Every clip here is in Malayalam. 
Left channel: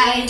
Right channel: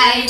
Ay,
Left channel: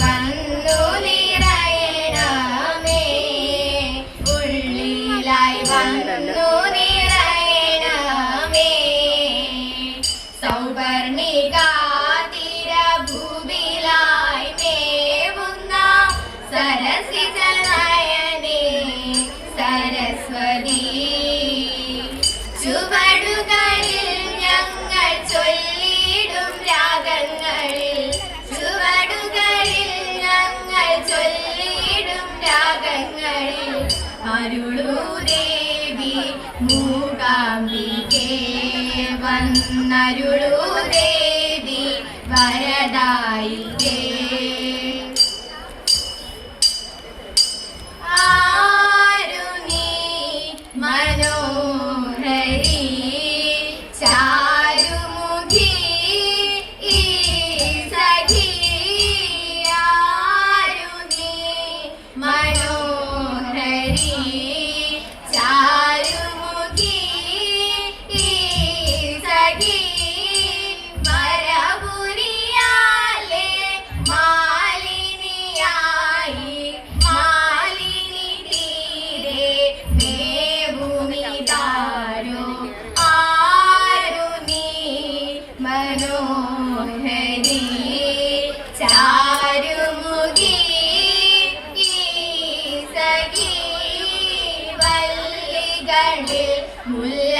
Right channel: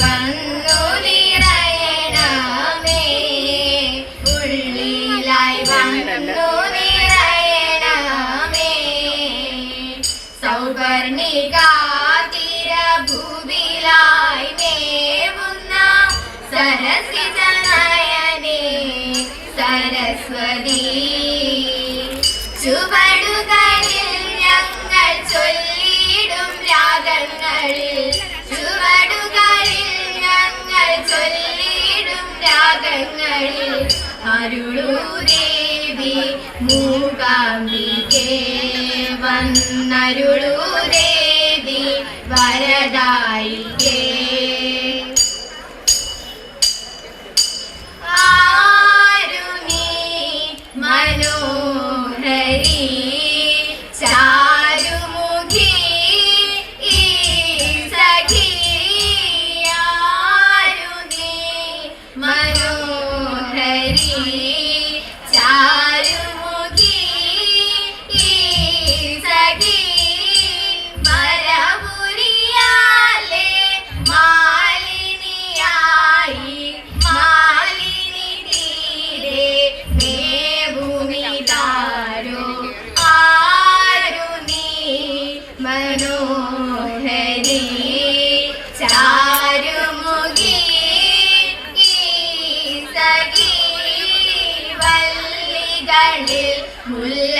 അരുളൂ ദേവി മൂകാംബികേ വന്നരുളൂ ദേവി വരദായികേ. ആരു നീ മനോഹരി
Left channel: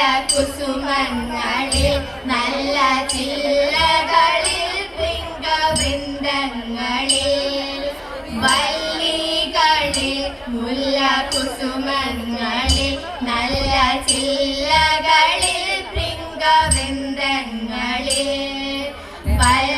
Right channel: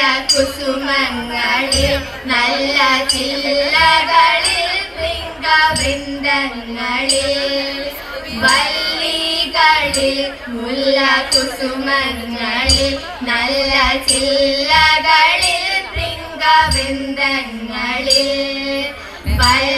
മുല്ലകുസുമങ്ങളിൽ നല്ല ചില്ലകളിൽ വൃന്ദങ്ങളിൽ വല്ലികളിൽ മുല്ലകുസുമങ്ങളിൽ നല്ല ചില്ലകളിൽ വൃന്ദങ്ങളിൽ വല്ലവിലോചനമാരോടു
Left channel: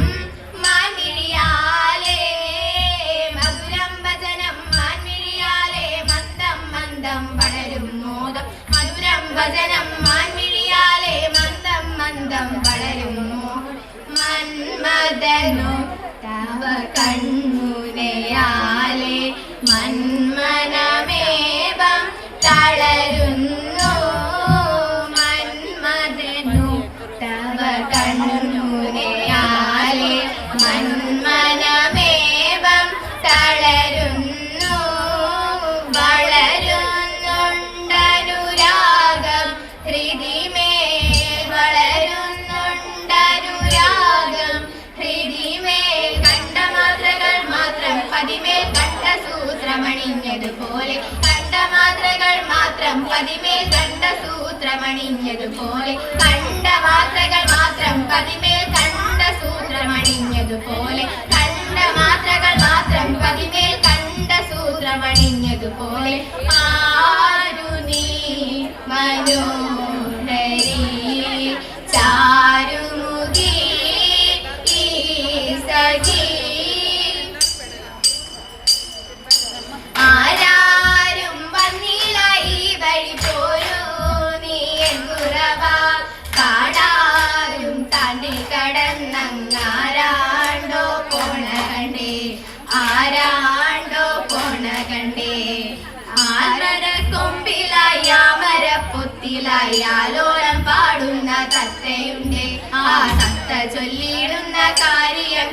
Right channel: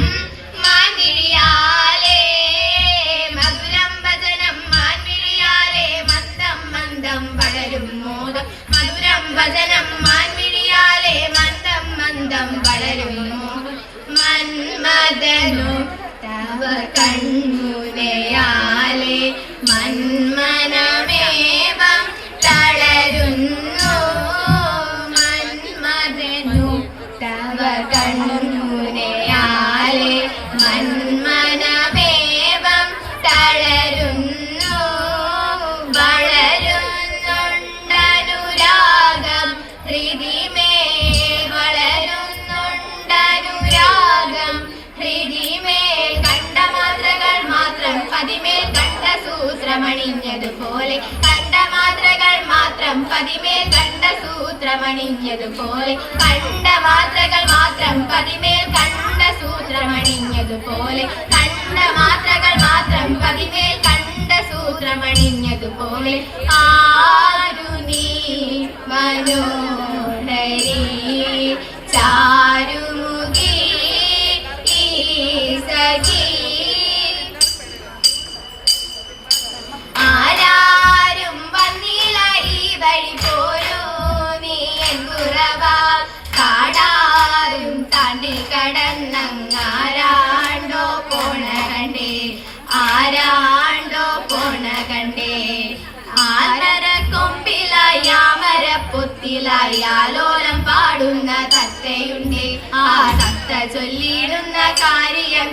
തവ കൺമുനയാലേ മന്മനമേവം തളരുന്നു. വളരുന്നുണ്ടനുരാഗം ഹൃദിമേ വളരുന്നുണ്ടനുരാഗം ഹൃദിമേ കണ്ട മാത്രം പതിമേൽ കണ്ട സൂത്രമണിഞ്ഞതുപോലെ മാത്രകൾ മാത്രം പതിമേൽ കണ്ട സൂത്രമണിഞ്ഞതുപോലെ കണ്ട മാത്രകൾ മാത്രം പതിമേൽ കണ്ട സൂത്രമണിഞ്ഞതുപോലെ കണ്ട മാത്രകൾ മാത്രം പതിമേൽ കണ്ട സൂത്രമണിഞ്ഞതുപോലെ ആരു നീ മനോഹരി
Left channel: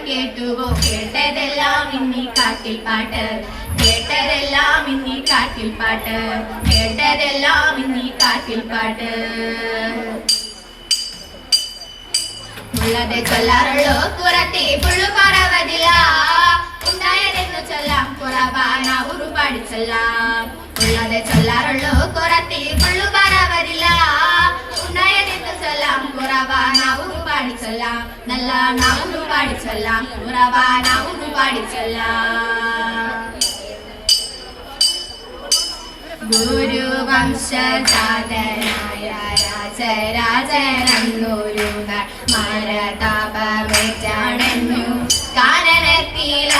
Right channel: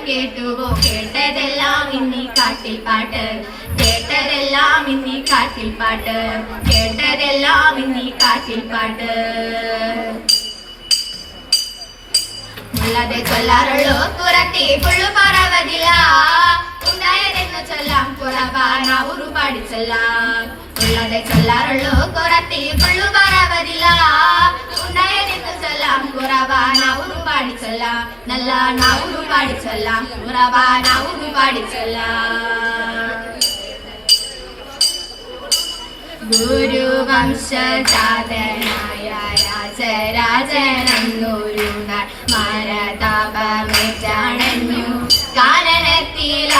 കേട്ടുവോ കേട്ടതെല്ലാം ഇന്നീ കാട്ടിൽ പാട്ട്. കേട്ടതെല്ലാം ഇന്നീ കാട്ടിൽ പാട്ട്. കേട്ടതെല്ലാം ഇന്നീ കാട്ടിൽ പാട്ട്. ഉള്ളത് ചൊല്ലാറുള്ളൂ. കുറത്തി ഫുള്ളു പറവതില്ല ഉണ്ടായതെന്ന് ചൊല്ലാം കുറവാണ് ചൊല്ലാം. ഉള്ളത് ചൊല്ലാറുള്ളൂ. കുറത്തി ഉണ്ടായതെന്ന് ചൊല്ലാം കുറവാനാവും പാടിച്ചൊല്ലാം നല്ല നാവും പാടിച്ചൊല്ലാം ഗുരു വംശജാതനായ ഗുരുവംശജാതനായ രാജരാജനന്നൊരു കാരണത്തിലായ കാനനത്തിലായരോമല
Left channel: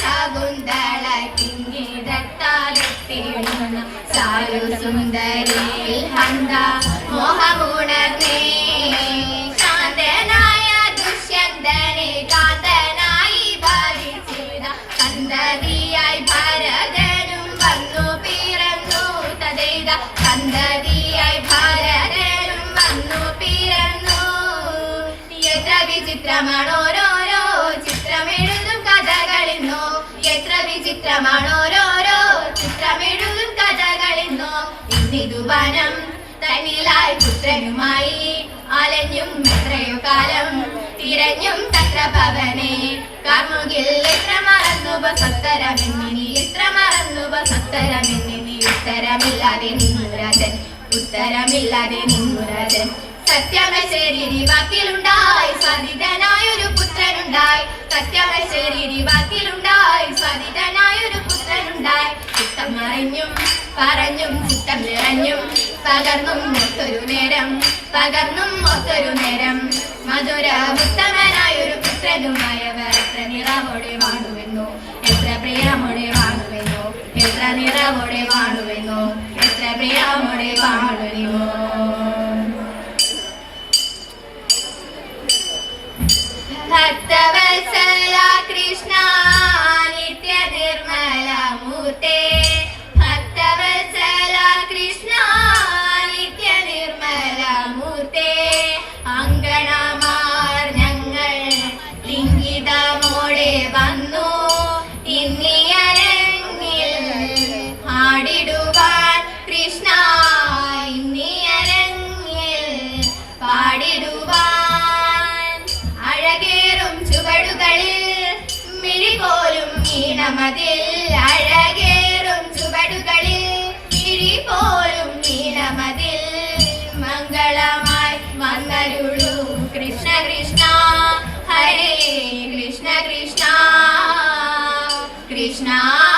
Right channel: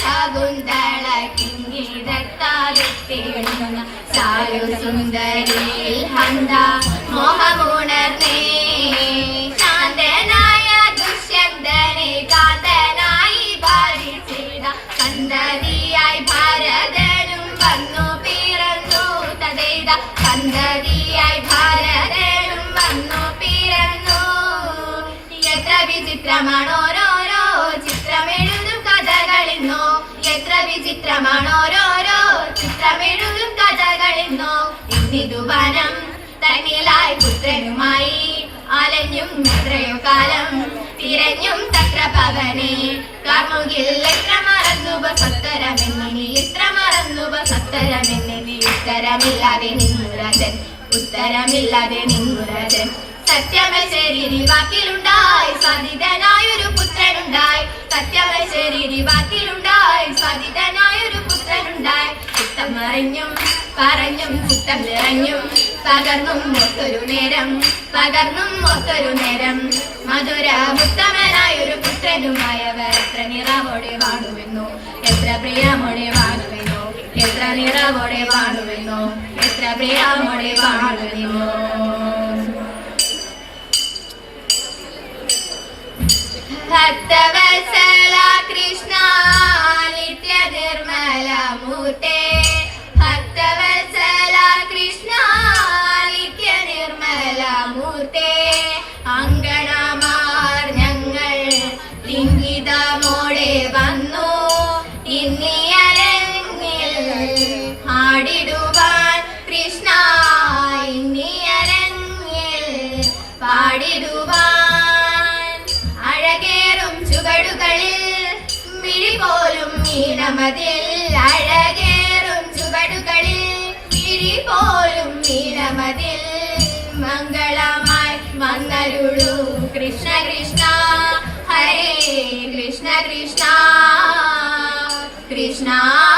ശകുന്തള കിങ്ങിതത്താലെത്തിടുന്ന സാരു സുന്ദരിൽ ഹന്ത മോഹമുണർന്നേ ശാന്തനായ ദുഷ്യന്തനെ കാന്തനായി ഭാരിച്ചിട സന്തതിയായി ഭാരതനും വന്നു പിറന്നു തതേത സന്തതിയായി ഭാരതനും വന്നു പിറന്നു. എത്ര വിചിത്രമാണോരോരോ ചിത്രമെഴുതും കഥകളിന്നോ? എത്ര വിചിത്രമാണോരോരോ ചിത്രമെഴുതും കഥകളിന്നോ? ഇന്നിതു വനം തന്നിലായി പുത്രനുമായി അലഞ്ഞും എത്രയോ കാലം തിരഞ്ഞും തത്ര പവനെ കാർമുകിൽ എത്ര മറന്നു സത്തരമെന്നിനി എത്ര മറന്നു സത്തരമെന്നിനി ഉത്തരമില്ലാതെ നിന്നുരജൻ ഉത്തരമില്ലാതെ നിന്നുരജൻ സത്യമശരീരി വാക്കിലുണ്ടായി സാധിതനായൊരു പുത്രനുണ്ടായി. സത്യമശരീരി വാക്കിലുണ്ടായി സാധിതനായൊരു പുത്രനുണ്ടായി. ചിത്തം മറിഞ്ഞും പറഞ്ഞും ചിത്തം നിറഞ്ഞും പകർന്നും മൊത്തൊരു നേരം പകർന്നും മൊത്തൊരു നേരം. മധുര ഉത്തമനായൊരു പുത്രനുമായവർ എത്ര നിറവോടെ വാണുവെന്നു എത്ര പ്രിയമോടെ വാണുവെന്നു എത്ര നിറവോടെ വാണുവെന്നു എത്ര പ്രിയമോടെ വാണുവെന്നു ഭക്തവത്സല കൃഷ്ണ നിത്യ നിർമ്മല മൂർത്തേ ലിംഗിതമോടെ വന്നു. ഇന്നിയരങ്ങിൽ പാടിടുവാൻ കൃഷ്ണ ഇന്നിയരങ്ങിൽ പാടിടുവാൻ അഴകേറും ചുവടുകളിൽ മിഴിപോലും ഈണമതിൽ അഴകേറും Krishna.